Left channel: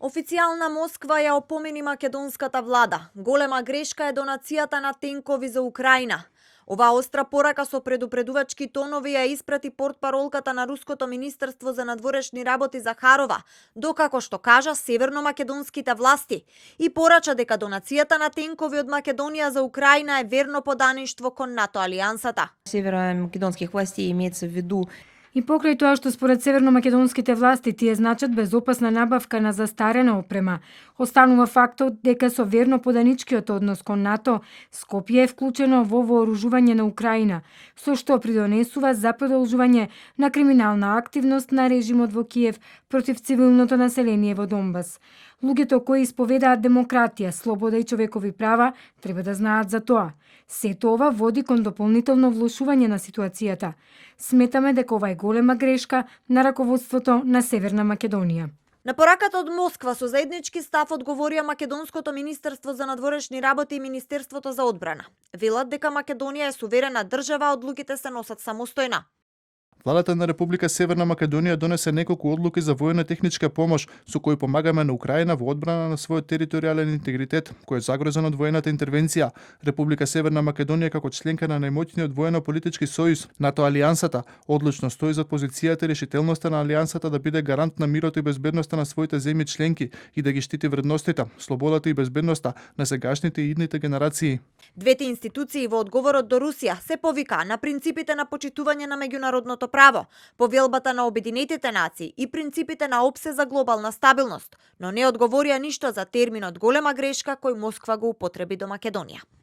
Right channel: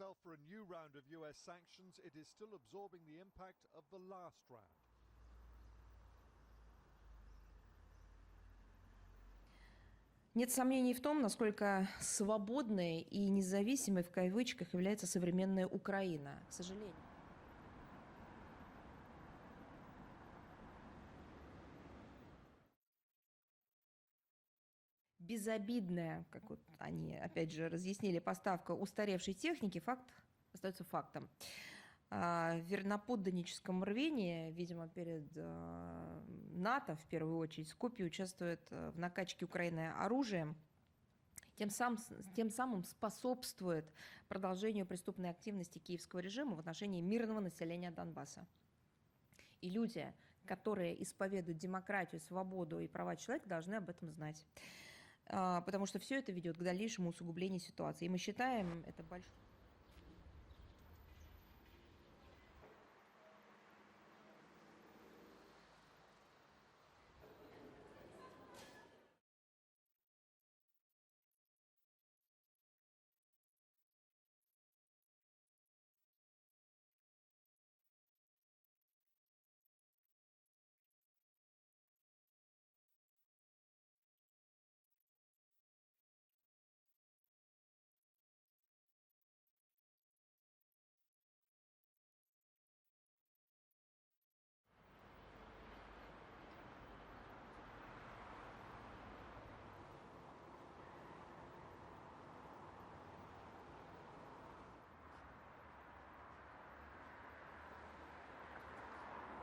Официјална Москва ја опомени македонската влада. Голема грешка е донацијата на тенкови за Украина. Оваа остра порака со предупредувачки тонови ја испрати портпаролката на Руското министерство за надворешни работи Захарова, докако што кажа северно-македонските власти и порача дека донацијата на тенкови од Македонија за Украина е верно подаништво кон НАТО алијансата. Северо-македонских властей имеется в виду. И покрај тоа што според северно-македонските власти тие значат безопасна набавка на застарена опрема, останува фактот дека со верно поданичкиот однос кон НАТО, Скопје е вклучено во вооружување на Украина, со што придонесува за продолжување на криминална активност на режимот во Киев против цивилното население во Донбас. Луѓето кои исповедаат демократија, слобода и човекови права треба да знаат за тоа. Сето ова води кон дополнително влошување на ситуацијата. Сметаме дека ова е голема грешка на раководството на Северна Македонија. На пораката од Москва со заеднички став одговорија Македонското министерство за надворешни работи и Министерството за одбрана. Велат дека Македонија е суверена држава, одлуките се носат самостојно. Владата на Република Северна Македонија донесе неколку одлуки за војна техничка помош со кои помагаме на Украина во одбрана на својот територијален интегритет, кој е загрозен од воената интервенција. Република Северна Македонија како членка на најмоćниот воено-политички сојуз, НАТО алијансата, одлучно стои за позицијата и решителноста на алијансата да биде гарант на мирот и безбедноста на своите земји членки и да ги штити вредностите, слободата и безбедноста на сегашните и идните генерации. Двете институции во одговорот до Русија се повика на принципите на почитување на меѓународното право, повелбата на Обединетите нации и принципите на ОПСЕ за глобална стабилност, но не одговорија ништо за терминот голема грешка кој Москва го употреби до Македонија.